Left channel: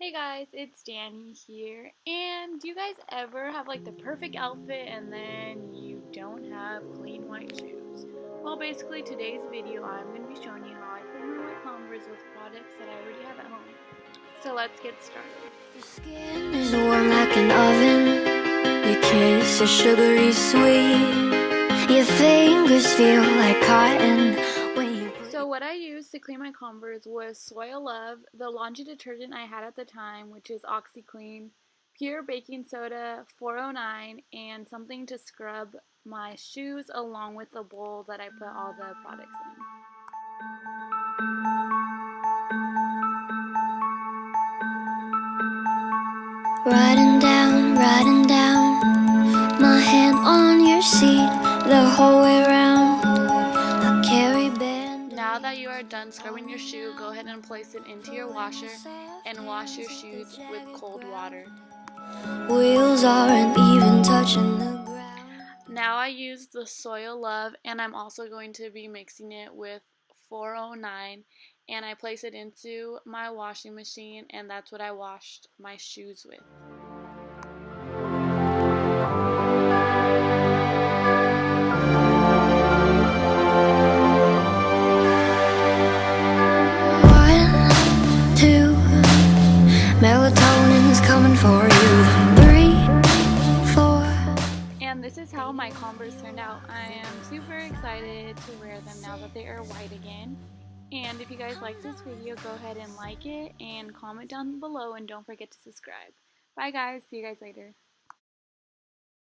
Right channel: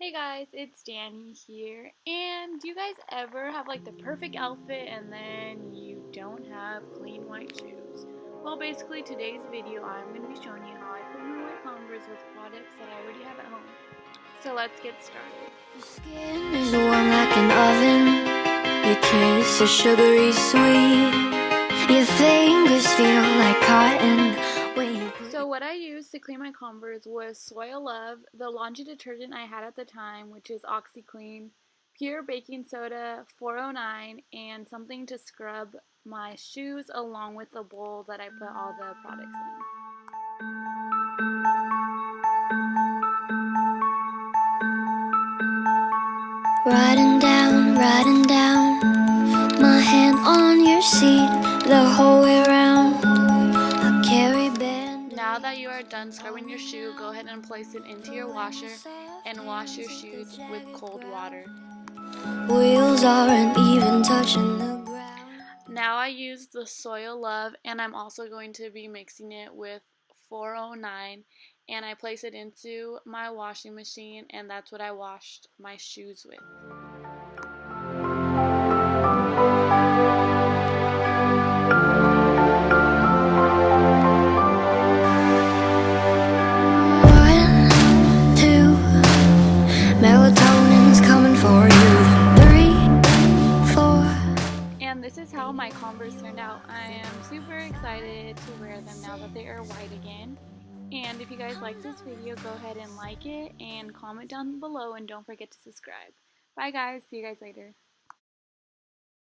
Hey guys, it's Danny here. And do you guys ever have like the perfect outfit and then you don't have clean white shoes? Well, basically today's video I'm going to be showing you how I clean my white Converse with products that I already have at home. So let's get started. Your skin is warm like an oven. Your kiss is sugary sweet. Your fingers feel like cotton when you put So what I used to clean my Converse was Soil Love, the laundry detergent I had at the time, which is OxyClean, pure baking soda, 409, and something to scrub my shoes along with the bowl that I put all the products in. riding down, my hand on your seat the whole way around. I carry band. Now that you are done scrubbing your shoe, go ahead and place it into your washer and wash your shoes with cold water. Wheels aren't even touching the ground. Now I use the Soil Love, and I'm also going to be mixing it with 409, and I place it into my washing machine, and that's what I washed my shoes with. One, two, melatonin's coming for you. 3, 4. And this is how my Converse turned out. I am super excited to wear them now that they are white again. And if you guys like this video, go ahead and like it and comment down below, and don't forget to subscribe. Bye guys, see you guys later.